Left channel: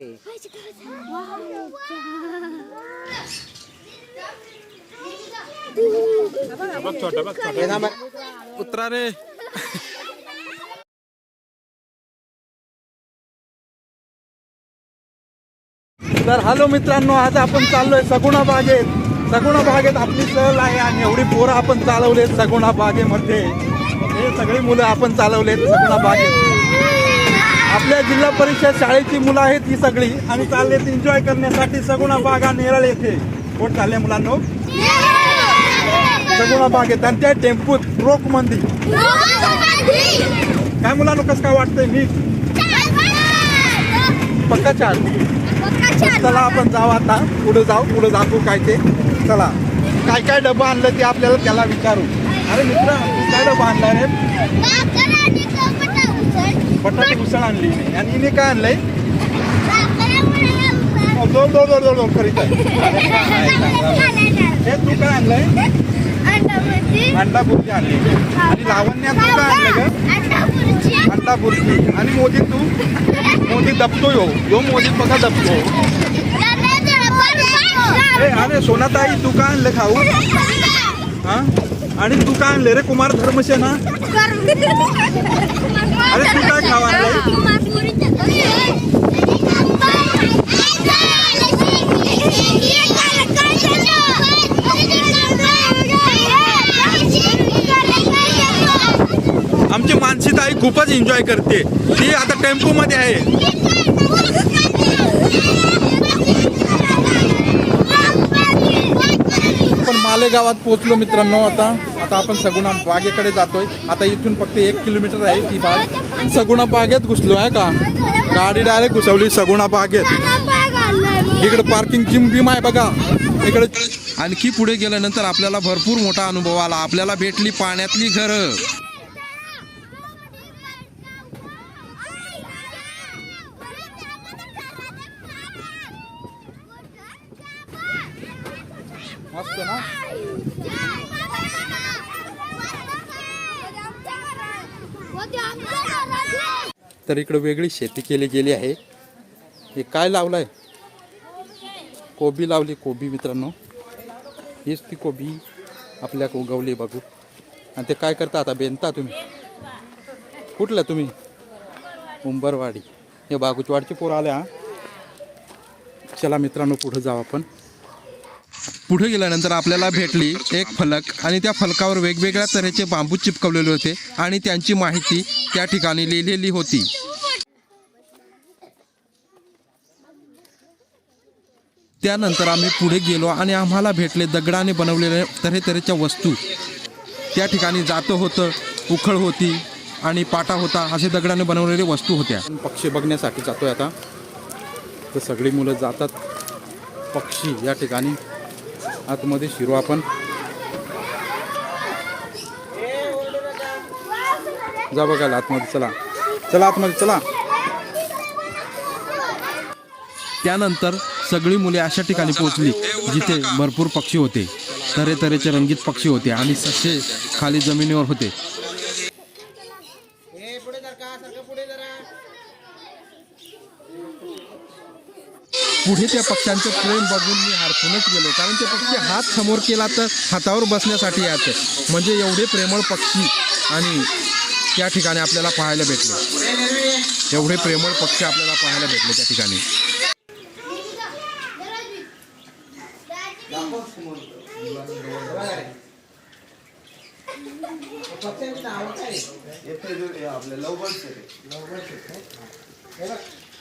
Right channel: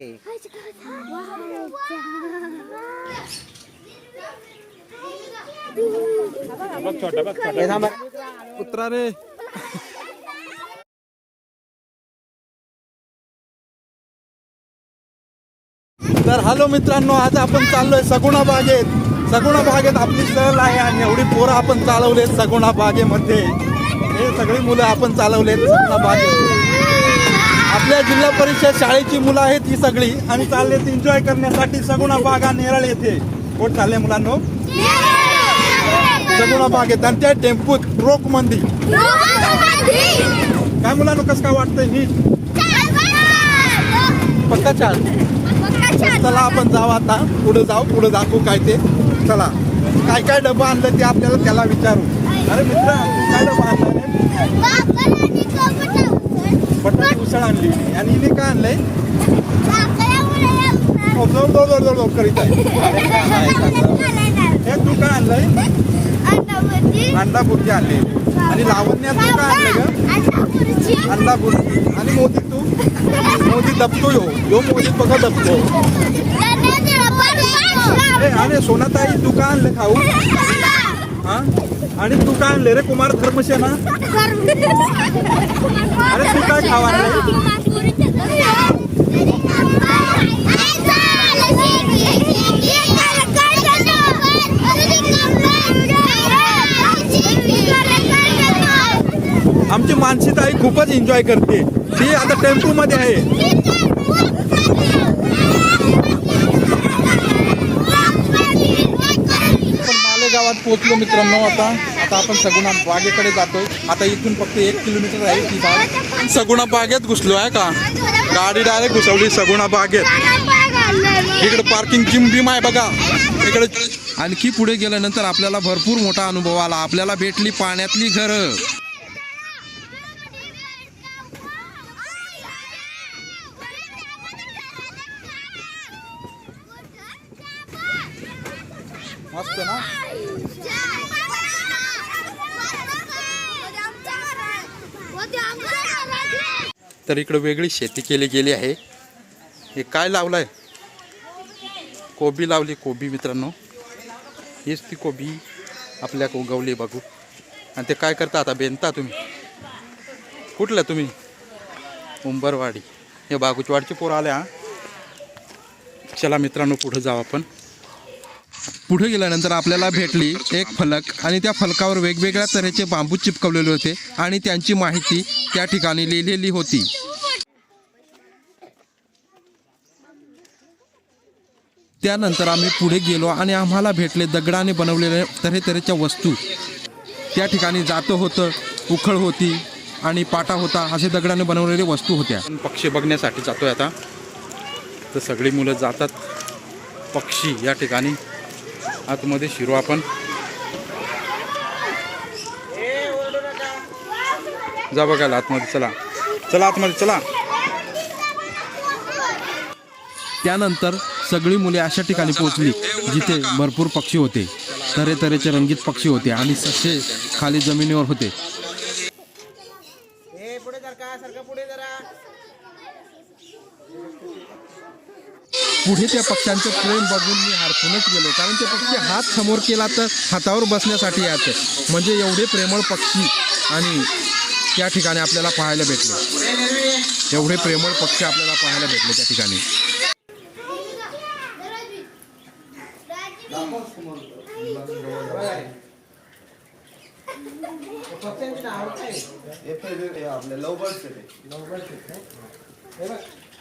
उतरा रे. तर हॅलो मित्रांनो, आज आपण चाललोय सगुणा बागेत. सगुणा बागेत आपली सहल आहे आणि एवढी पोरं आपण चालवलेत सगुणा बागेमध्ये. हे सगळी मुलं आपण चालवलेत सगुणा बागेत. आपल्या जिल्हा परिषद शाळेची मुलं आहेत ही सगळी आणि चाललेत एन्जॉय करण्यासाठी सगुणा बागा नेरळ येथे. कोण चालले मुलांनो? सगुणा बागेत आणि त्या टेम्पूत रोक मंदी. काय मुलांनो, कसं काय वाटतंय? मी पक्का चाल. चला आपण जाऊ आता, पुढे पुढे दाखवू काय ते. चला, काय काय डबा आणलं ते आपल्याला त्याला विचारू. अरे मित्र, काय डबा आणलाय रे? बटाटी उसळ आणली. आणि हिने काय आणलंय? जोर करीत आहे. हे तू काय आणलंय? अंडा बुर्जी आणली. आणि लावण्यात तू काय आणलं ग? अंडा बुर्जी. आणि मोदी तू? मोदी दबतो यो मोदी बघा दबतो. अरे सोनाताई, तू काय आणलं खाऊ? आणि तू काय आणले रे? कुमार धर्मसेना. अरे तू काय खावा? आमची मानसीताई खूपच एन्जॉय करते. ती आता टेम्पो मध्ये आहे. आपण मालेगावात पोहोचलो मित्रांनो. आता आपण सगुणा बागेकडे जातोय. आता इथून फक्त 1 किलोमीटर आहे ती बाग. सगुणा बागेत घुसलो आहे का? गाडी डायरेक्ट घुसवली सगुणा बागेत. इकडे पार्किंग जिम बिम आहे बघा इकडे. आणखी पुढे गेल्यानंतर आपल्याला भरपूर मोठा अनुभव आला. आपल्याला भेटली पाण्यातली घरं. मस्त ना. तर इकडे वेगळी शेती केली गेली आहे. हे काय लावलंय? कोबी लावली. कोबी मित्रांनो, हीच ती कोबी आपल्या उगवली बघू. आणि ते काय करता आता? बेनता तुम्ही? कुठलं तुम्ही? उंबरवाडी. हे बागुचवाडचे पोरं आले. हा, चला मित्रांनो पुढे जाऊ आपण. पुढे गेल्यानंतर आपल्याला भेटली एक फलक आणि त्या फलकावर वेगवेगळ्या तऱ्हेचे बांबू चिपकवलेले होते आणि त्यांची माहिती त्या ठिकाणी लिहिलेली होती. त्यानंतर आम्ही पुढे गेलो आणि आम्हाला भेटले दगडाने बनवलेल्या तऱ्हेतऱ्हेच्या वस्तू. त्या ठिकाणी जातं होतं, उखळ होती आणि पाटा होता. असे दगडाने बनवलेल्या वस्तू होत्या. पक्षी बघण्यासाठी जातोय आता. तर सगळी मुलं जातात पक्षी या ठिकाणी. आतमध्ये शिरू आपण. जा बघायला आतमध्ये. चला चला आतमध्ये चला. त्यानंतर सगळी मुले अशा ठिकाणी पोहोचली जिथे भरपूर पक्षी होते. तऱ्हेतऱ्हेचे रंगीत पक्षी होते आणि ससे खाली जमिनीवर होते. पुढे त्या पक्ष्यांचं प्रेम बघून मी हरपूनच गेलो. कारण ते पक्षी हात समोर केला तर हातावर बसण्यासाठी यायचं. म्हणजे एवढे प्रेमळ पक्षी आणि त्या ठिकाणी आपल्याला पाहायला भेटले. एवढे प्रेमळ पक्षी आपल्याला पाहायला भेटले त्या ठिकाणी.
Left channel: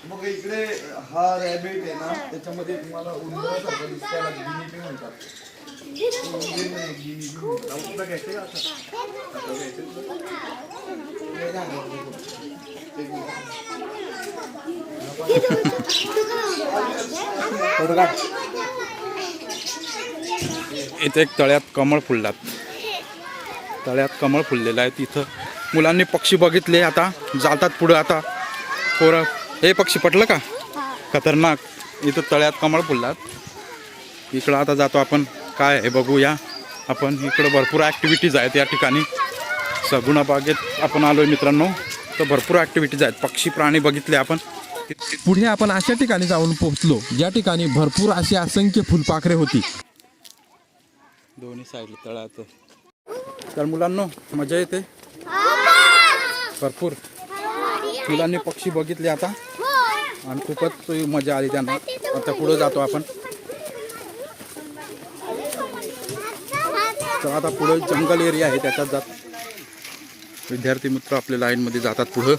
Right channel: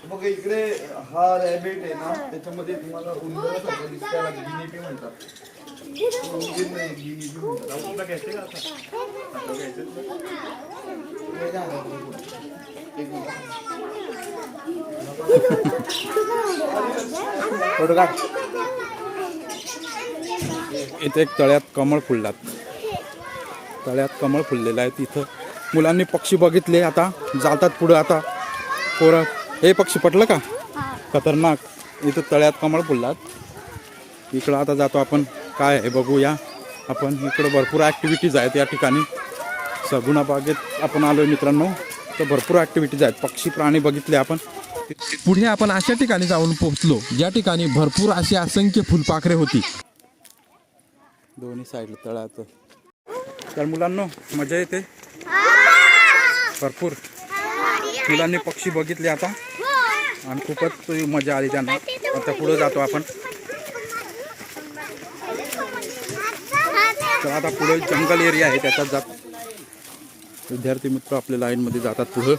मग इकडे हा रॅबिट आहे ना, त्याच्यामध्ये तुम्हाला उंदरासारखं दिसताना गिनीपी म्हणतात. इथे एक तळ्यात कमळ फुललात. तळ्यात कमळ फुललेलं आहे. तिथं मुलांनी पक्षी बघितले. आता जातात पुढे. आता पोरं, हे पक्षी पटलं का? खतरनाक. इथं तळ्यात कमळ फुललात. इकडं आता जातो आपण. काय आहे बघूया आपण. इकडं भरपूर ॲक्टिव्हिटीज आहेत या ठिकाणी. सगुणा बागेत आपण आलो आहे मित्रांनो. तर भरपूर ॲक्टिव्हिटीज आहेत. पक्षी प्राणी बघितले आपण. पुढे आपण अशा ठिकाणी जाऊन पोहोचलो ज्या ठिकाणी भरपूर अशी असंख्य फुलपाखरे होती. दोन्ही साईड तळाचं. तर मुलांना मजा येते भरपूर. मुलांनी पक्षी बघितले आता आणि खूपच मजा आली त्यांना. आता पुढे जातो आपण. तर आता पुढे जंगल एरिया आहे त्याच्यात जात विद्यार्थी मित्र आपल्या लाईनमध्ये जातात पुढं.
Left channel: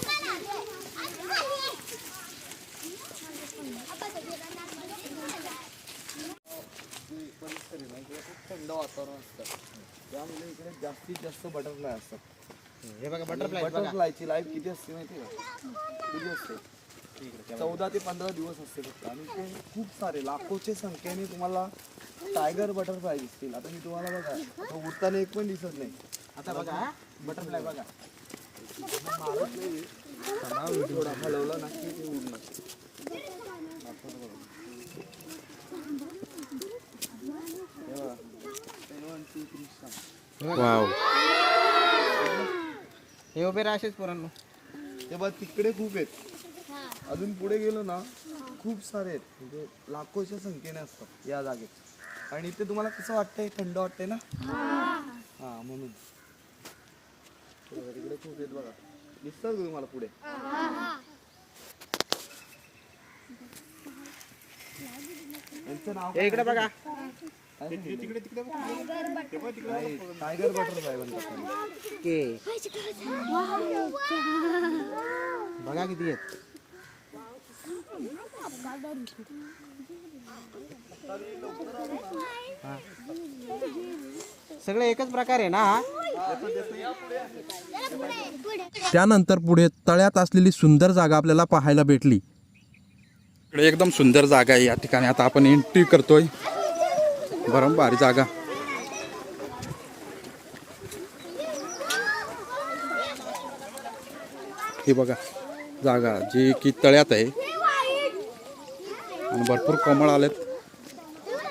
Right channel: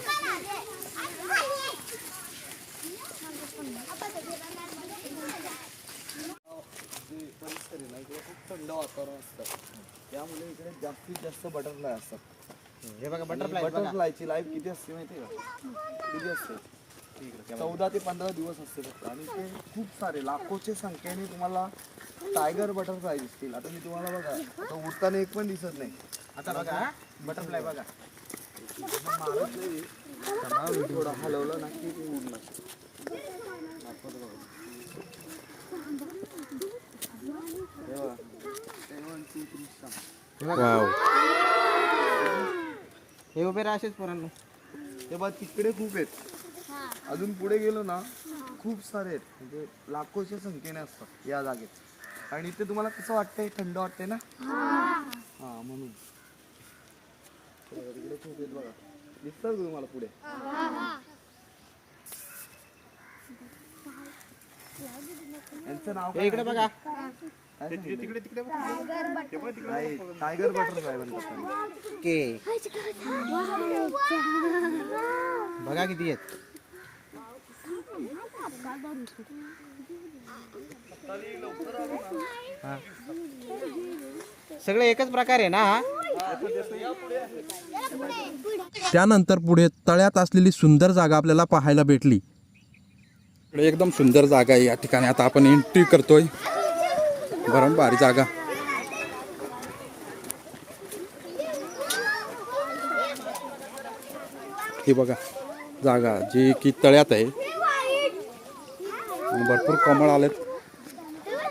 थंड वातावरण असतं त्यामुळे इकडे जास्तीत जास्त बटरफ्लाय असतात. हे बघा बटरफ्लायची लाईफ किती असते माहिती का? किती असते? 14 ते 15 दिवस असते फक्त. आणि ते खूप सारे लाखोच्या संख्येने तुम्हाला टायगर बटरफ्लाय दिसतील. आता मी तुम्हाला बघा आता उडताना एक पण दिसत नाही. आता बघा बटरफ्लाय बघा हलवलं ना की ते उडलं. वाव. हे वगैरे असेच पोरांना ते बघ तिकडे खूप आहेत. अजून पुढे गेलो ना खूप सारे आहेत. म्हणजे लाखोच्या संख्येने असतात या जागेत. आणि इथे तुम्हाला कसं वाटतंय? थंड वाटतंय ना? हा म्हणून तिकडे खूप आहेत बघा. दिसतात तुम्हाला पुढे? यांचं नाव काय? इकडे बघा तिकडे टायगर बटरफ्लाय म्हणतात के. बघा किती आहेत. सगळे एकच प्रकार आहे ना. त्यानंतर पुढे तळ्यात असलेली सुंदर जागा आपल्याला पाहायला भेटली. इकडे एकदम सुंदर जागा आहे. या ठिकाणी आता आपण एंट्री करतोय. भरम भारी जागा. हे बघा जागा जी की तळ्यात आहे आणि भरपूर कमळ आलेत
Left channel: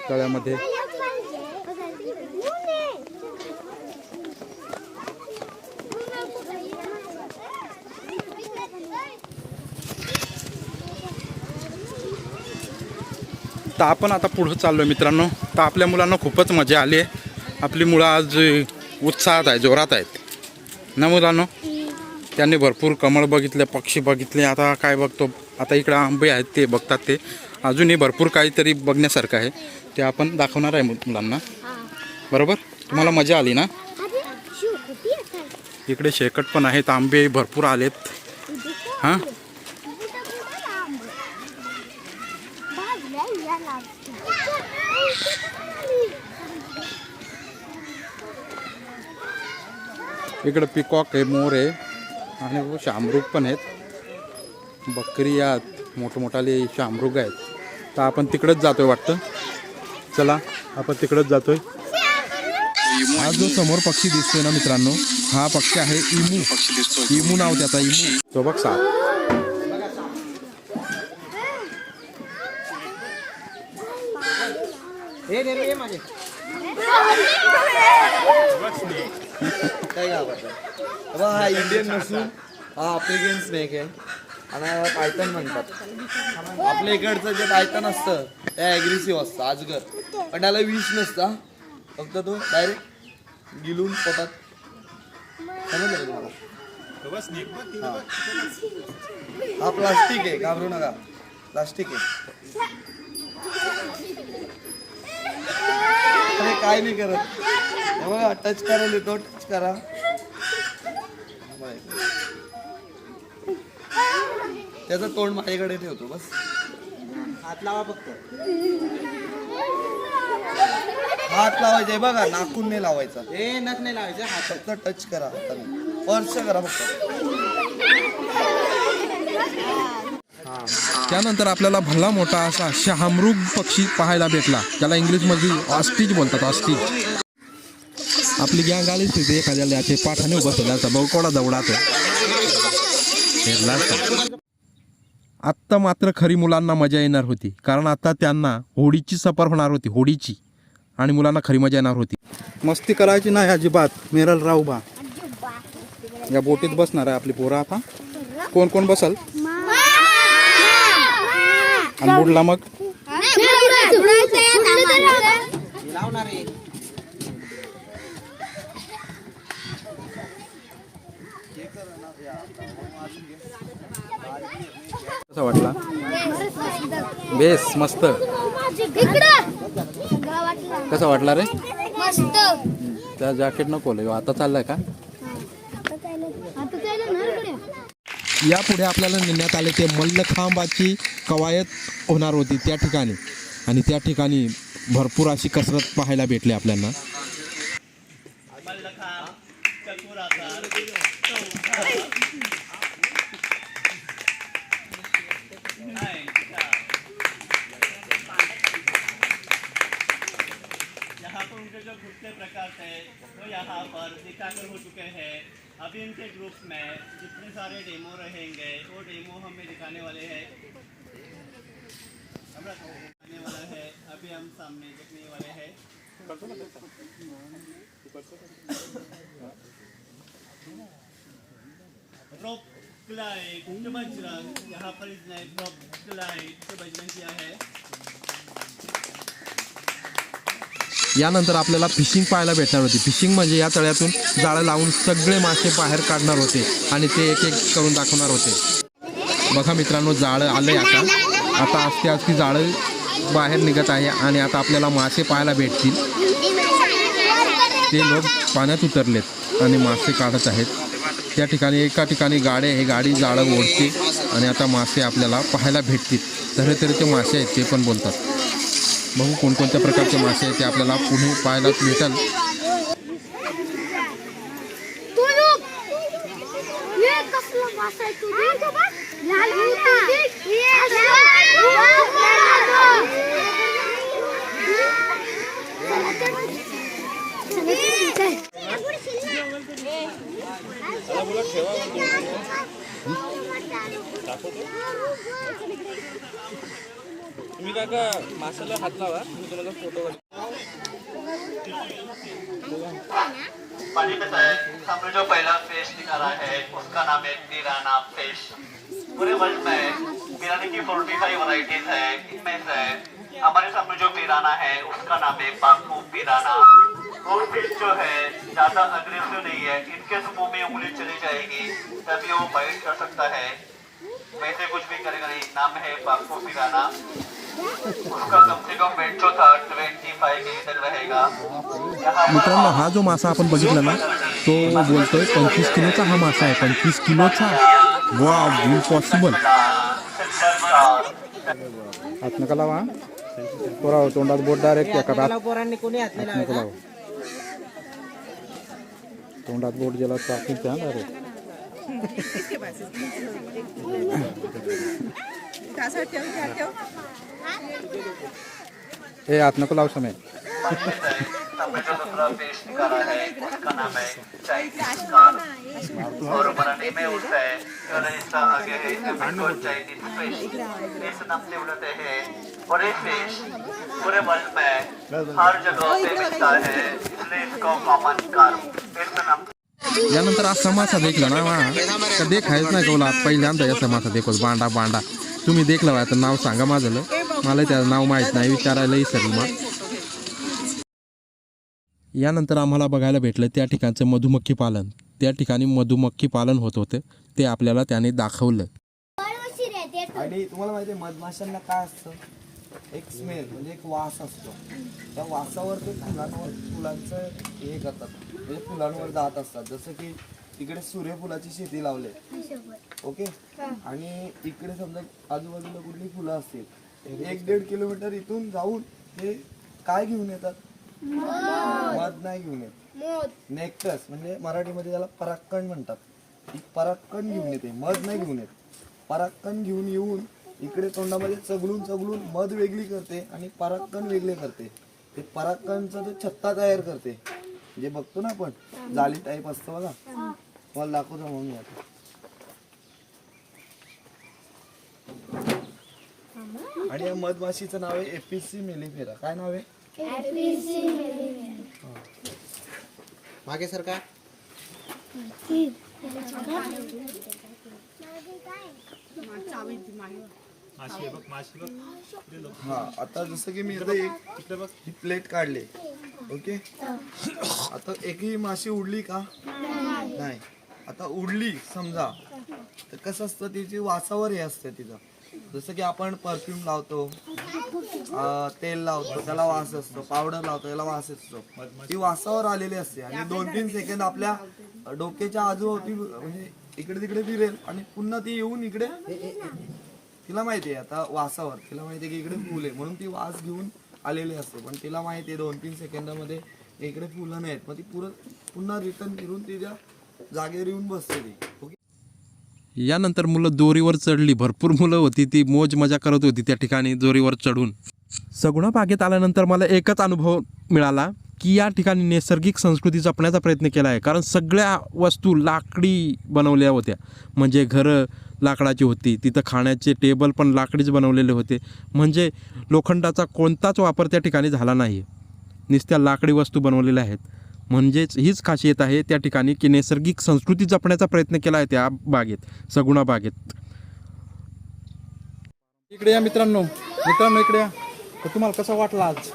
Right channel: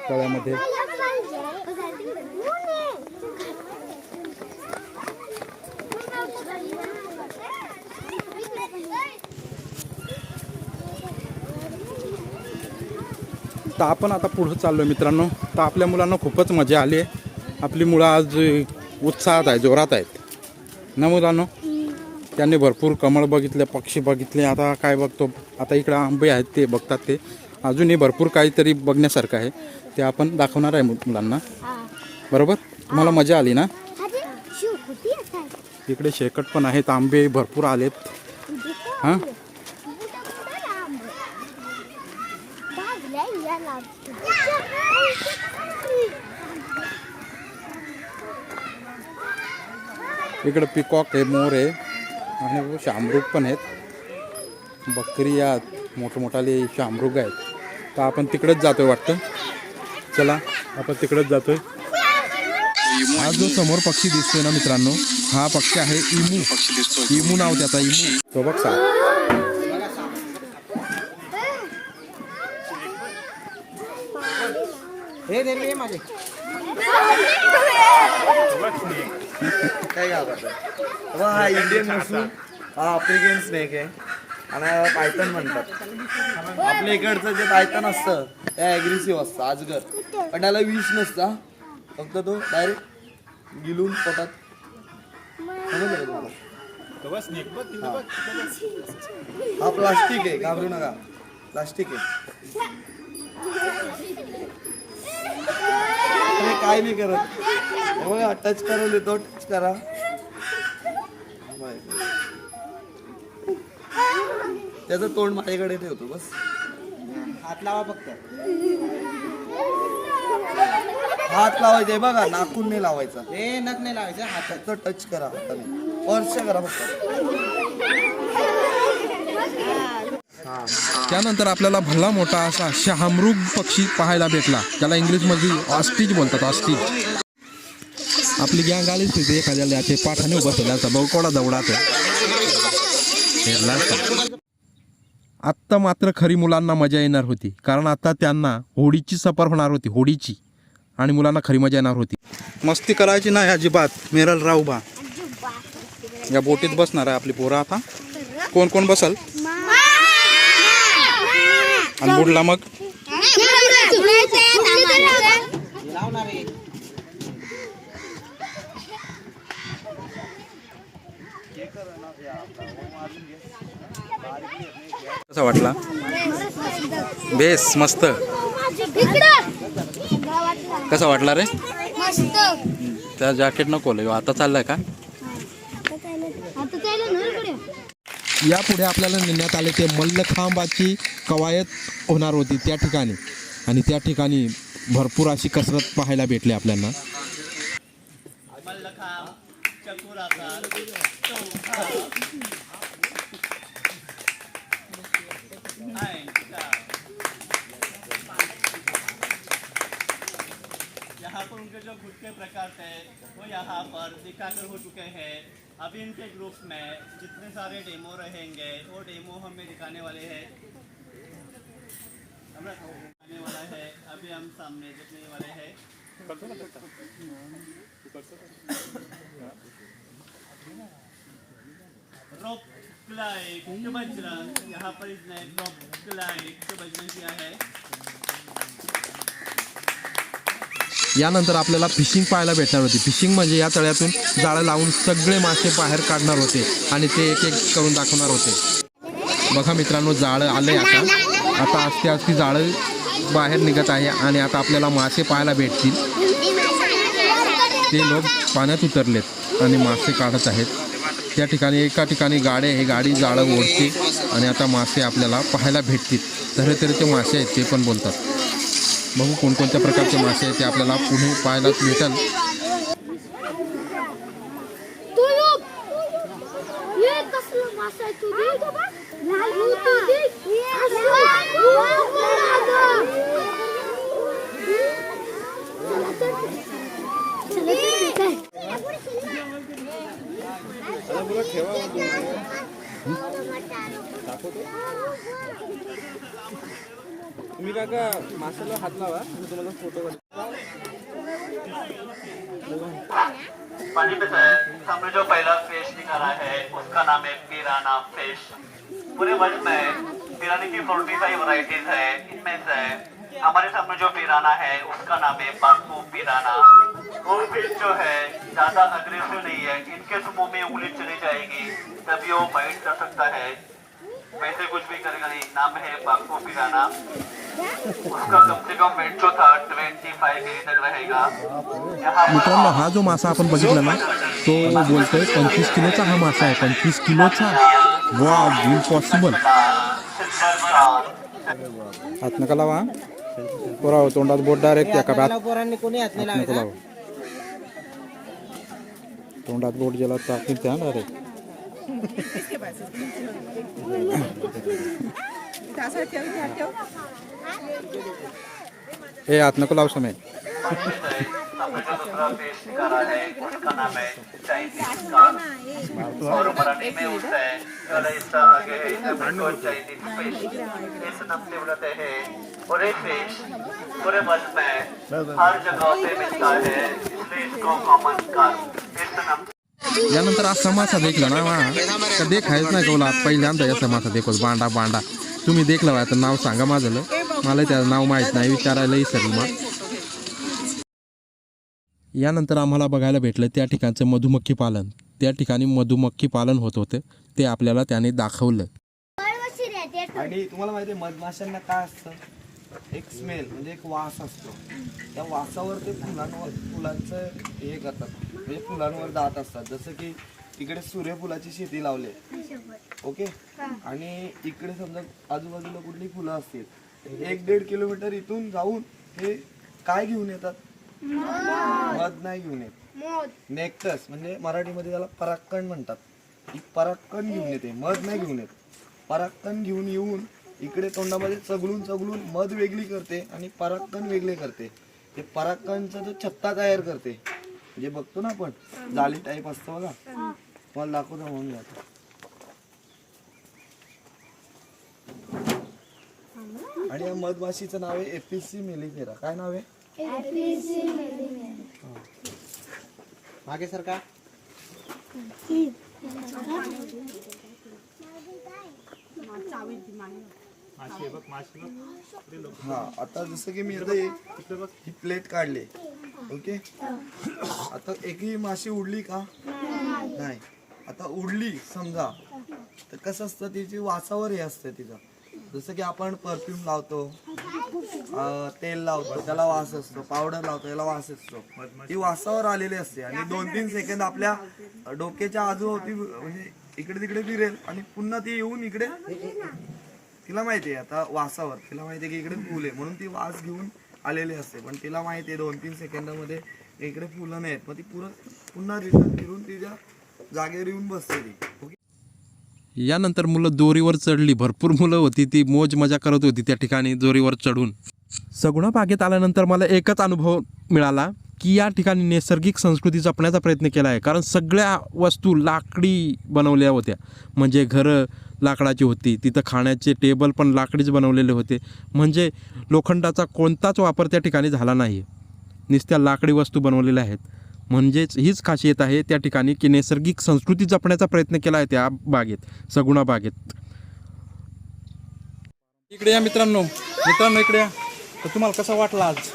तळ्यामध्ये. तर आपण आता पुढं चाललो आहे मित्रांनो. तर आपल्या मुलांना खूपच मजा आली आहे. आपली मुलं आज उत्साहात आहे, जोरात आहेत ना मुलांनो. त्यांनी भरपूर कमळ बघितले, पक्षी बघितले. आता काय बघतो? आता इकडं आंबे आहेत ते बघतात. ते अजूनही भरपूर काहीतरी बघण्यासारखं आहे ते आपण दाखवणार आहे मुलांना. बरोबर? तुम्हाला मजा आली ना? इकडे शेकट पण आहेत. आंबे भरपूर आलेत. हां इकडे पिकॉक आहे, मोर आहे आणि शामरुग पण आहेत. बकरी आहेत, मोठमोठाले शामरुग आहेत. तर आपण तिकडेच जातोय वाटतं. चला आपण तिकडेच जातोय. हा जो समोर पक्षी दिसतोय ना मित्रांनो, हा पक्षी आहे इमू. इमू नाव त्याचा, इमू. तो बघ साप. काय घाबरताय? हा इंडियन नसून हा आफ्रिकन स्नेक आहे आणि पायथन म्हणतात. आपल्या इकडचं जे पायथन असतं ते ॲग्रेसिव्ह असतं, अजगर. पण त्याला विष नसतं. फक्त तो डायरेक्ट गिलून पोटात. समजलं का तुम्हाला? हा प्लास्टिक आहे, घाबरू नका. प्लास्टिक आहे. अरे काय नाही करत. बघा टच करायला येतो. टच करा. त्याचं तोंड माझ्याकडे ठेवतो बस. हात लावा फक्त. हात लावायचा बघा, नाकून नाही लावायचा. हे नख नाही लावायचं. हात फक्त टच करा हाताने. स्पर्श करा फक्त. त्यानंतर आपल्याला भला मोठा असा शामरुग पक्षी पाहायला भेटला, ज्याला इंग्लिशमध्ये ऑस्ट्रिच बोलतात. ऑस्ट्रिच. आपली गँग आलीच तिथे एखाद्याला याचे पाठाने उभं केल्याचा बहुकोडा दौडात. आत्ता मात्र खरी मुलांना मजा येणार होती, कारण आता त्यांना होडीची सफर होणार होती. होडीची. आणि मुलांना खरी मजा येणार होती. मस्ती करायची नाही अजिबात. मेरल राहू बा. या बोटीत बसणार आहे आपली पोरं. आता कोण कोण बसल? आणि बुडला मग कसा वाटला? बेस मस्त. कसा वाटला रे? त्या जॅकेट नको लय आता चाललाय का? यापुढे आपल्याला नेण्यात आले ते मल्लखांबाची कवायत होणार होती त्या ठिकाणी, आणि त्या ठिकाणी भरपूर अशी कसरत पाहायला भेटली आपल्याला. यहाँ पर उनके जो घुटते प्रकार थे वो यहाँ पर दिखाकर हो चुके हैं। अभी इनके ग्रुप में जितने सारे डेमो रहेंगे वो डेमो हमें दिखाने वाले हैं। दिखाने वाला है अभी हम सामने देखने वाले हैं। रॉक क्लाइंब जो बजरंग, यहाँ पर इसने रॉक क्लाइंब जो बजरंग किया है। यानंतर आपल्याला फिशिंग पाहायला भेटणार होती. फिशिंग म्हणजे या तळ्यातून जाळं लावून सगळे मासे बाहेर काढणार होते आणि ते एक एक करून दाखवणार होते. बघा मित्रांनो, जाळं आलंय आता आस्ते आस्ते जाळं बाहेर निघत आहे आणि आता आपल्याला मासे पाहायला भेटतील. ते लोक पाण्यात उतरलेत आणि मासे काढत आहेत. त्या ठिकाणी एका ठिकाणी हे गाडी जाळं ओढते आणि आता मासे आपल्याला पाहायला भेटतील. तऱ्हेतऱ्हेचे मासे आहेत ते पण बोलतात. बघू कोणकोणत्या प्रकारचे मासे आहेत ते आपल्याला पुढे पाहायला भेटेल. तुम्ही काय का माशाला हात लावा, मी तुम्हाला फोटो पानी में है हमने जो पहला फिश निकाला है उसका नाम है पिराना फिश। पूरे वर्ल्ड में पिराने की 45 वैरायटीज है। इनमें से हमारे सामने जो पिराना है उसका नाम है बाकू पिराना। वो फिश जो है ज्यादा अग्रेसिव नहीं है। इनके मुंह में उंगली चली जाएगी तभी वो बाइट कर सकता है, वैसे कुछ भी करेगा नहीं। नाम है बाकू पिराना। उसका कम से कम वेट जो था 25 केजी तक रहेगा। मित्रांनो, हा जो मासा आपण बघितला ना तो बोलतोय 25 किलोचा हा मासा आहे. 25 किलोचा. वा, इम्पॉसिबल. हात नका लावा. पोरा तोंडात बोट डायरेक्ट एका हात नको लावा. तोंडात बोट गेला टाकील त्या डायरेक्ट. ए हात नको लाव समय. और मराठी में उठता है इसका आगे है चाइनीज फिश। इस नाम से उड़ते हैं और ये फिश पूरे वर्ल्ड में हर जगह पे मिलता है, इसलिए इसको कॉमन कार्प इस नाम। यानंतर असा मासा देखला ना का देखायच नाही कोला. पहिल्यांदा असा मासा देखोस बांडा. तुम्ही देखला आता नाव सांगा माझं. मला त्याचं नाव माहीत नाही, विचारायला विसरलं मग. यानंतर आम्हाला बघायला भेटलं त्या ठिकाणचं मधुमक्खी पालन. त्या ठिकाणी मधुमक्खी पालन होत होतं ते आपल्याला त्याने दाखवलं. आणि तुम्हाला माहिती आहे मधमाशांना काय असतं, एक स्मेल म्हणजे एक वास असतो. त्या वासावर ते फुलांचं हे करतात, म्हणजे फुलांवर जात असतात. जसं की इकडे सूर्यफुलाची शेती लावले, ओके, आणि इकडे समजा आजूबाजूला कुठली फुलं असतील, 1-1.5 किलोमीटर इथून जाऊन हे काय घेऊन येतात, मध नाही घेऊन येत, नेक्टस म्हणजे मराठीमध्ये त्याला परागकण म्हणतात. ही परागकण घेऊन येते, मध नाही घेऊन येत. परागकण घेऊन येऊन इकडे तोंडामध्ये चगलून मध वेगळी करते आणि परागकण वेगळे करते. ते परागकणचा जो छत्ता तयार करते, जे बघतो ना आपण जाली टाईप असतं बघा, मला दाखवतो म्हणून आता. आणि या मधमाशीचं नाव आहे एपिसी मेलिफेरा. काय नाव आहे? मागे सरकार हा आता जसं की मी आता एक ही प्लेट काढली ओके आता एकही माशी उडली का नाही आता उडली समजा तर कसं असतं तिची वासावर हे असतं तिचं जसं की आपण परफ्यूम लावतो तेल लावतो त्याला वास असतो पावडर लावतो त्याला वास असतो ती वासावर आलेली असते आणि 2-3 सेकंद आपल्या डोक्याच्या आजूबाजू म्हणजे इकडे तिकडे फिरेल आणि पुन्हा ती येऊन इकडे तिला माहिती आहे आता वासावर तिला माहिती आहे की इकडे फुल आहे म्हणून ती वास घेऊन आलेली असते पण तिला माहिती आहे 2-3 सेकंदामध्ये इकडे फुलं नाहीत मग ती पुन्हा रिटर्न फिरून तिच्या जागेवर येऊन बसते ती ओके यानंतर मुलं दोरीवर चढली. भरपूर मुलं होती ती मौज मजा करत होती त्या ठिकाणी दोरीवर चढून. सगुणा बागेत आल्यानंतर मला एकच अनुभव मिळाला की या ठिकाणी नैसर्गिक संस्कृती जपण्याचा प्रयत्न केला आहे. कारण सगळ्या वस्तू लाकडी बनवल्या होत्या. म्हणजे घरं लाकडाची होती, तिथं खाण्याचे टेबल पण लाकडीच बनवलेले होते. म्हणजे लोखंडाचा कोणताच वापर त्या ठिकाणी झाला नाही. नुसत्या लाकडी वस्तू बनवलेल्या आहेत. म्हणजेच हीच खासियत आहे त्या ठिकाणी की नैसर्गिक संस्कृती जपण्याचा प्रयत्न केला आहे त्या बागेत, सगुणा बागेत. इकडे या मित्रांनो इकडे या. तर तुम्हाला कसा वाटला आज?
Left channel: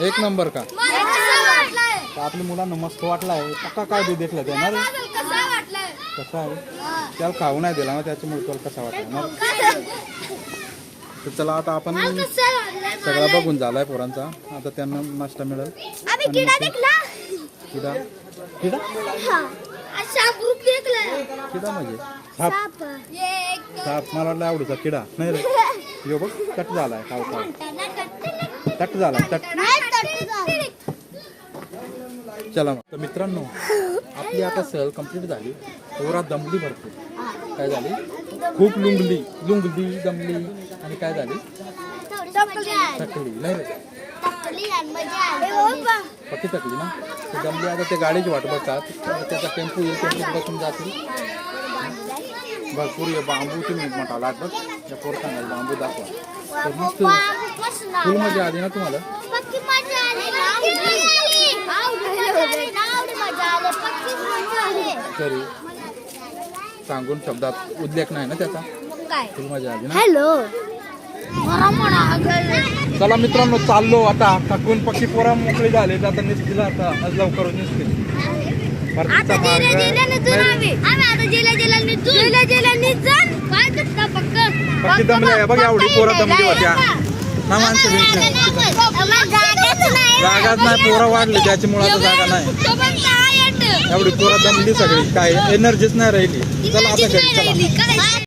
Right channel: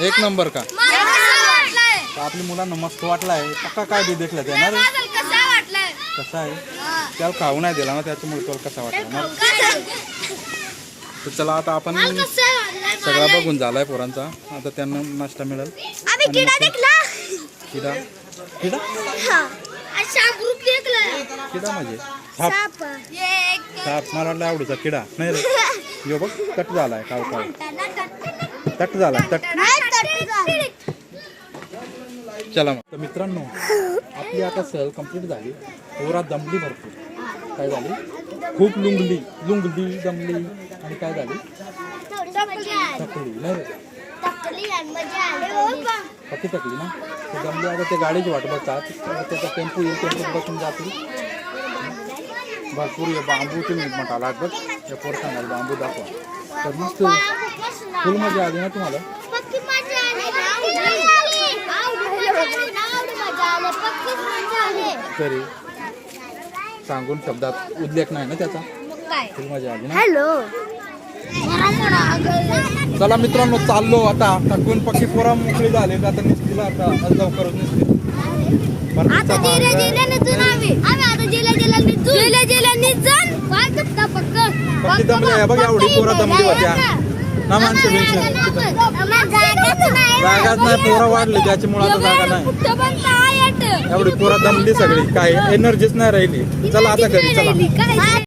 एक नंबर का? तर आपल्या मुलांना मस्त वाटलाय. पक्का काय बी देखलं त्या ना कसा आहे त्याला खाऊ नाही दिला ना त्याच्यामुळे तुला कसा वाटला. तर चला आता आपण सगळा बघून झालाय पोरांचा. आता त्यांना नाश्ता मिळेल. किडा किडा किडा म्हणजे साप मला वाटलं आवडीचा किडा नाही रे. हे बघ कट झालाय काव काव कट झाला कट. चला मग तर मित्रांनो आपली आता सहल कंप्लीट झाली. पोरा दमली भरपूर. काय झाली? खूप लुंगली दमली आणि काय झाली? थकली नाही रे पक्की थकली ना. ते दमली आता ते गाडीची वाट बघतात. त्याचा टेम्पो येईल टेम्पोत बसून जातील. भरपूर बांबू तुम्ही मोठा लागत त्या पोरसांना बांबू दाखवा. तर मस्त फुल मजा आली ना तुम्हाला? तरी सांगून शब्दात उल्लेख नाही ना त्याचा. फुल मजा आली ना. चला मित्रांनो चाललो आता. थकून पक्की पोरा मोकळी झाली. आता निघतील आता लवकर निघतील. पक्की दमली बघ एवढी पोरं दमली होत्या ना माणसं जागाच नाही. पोरं वाढली त्याच्यामुळे आता जागा नाही. एवढी पोरं दमली सगळी काय एनर्जीच नाही राहिली. चला आता घरी चला.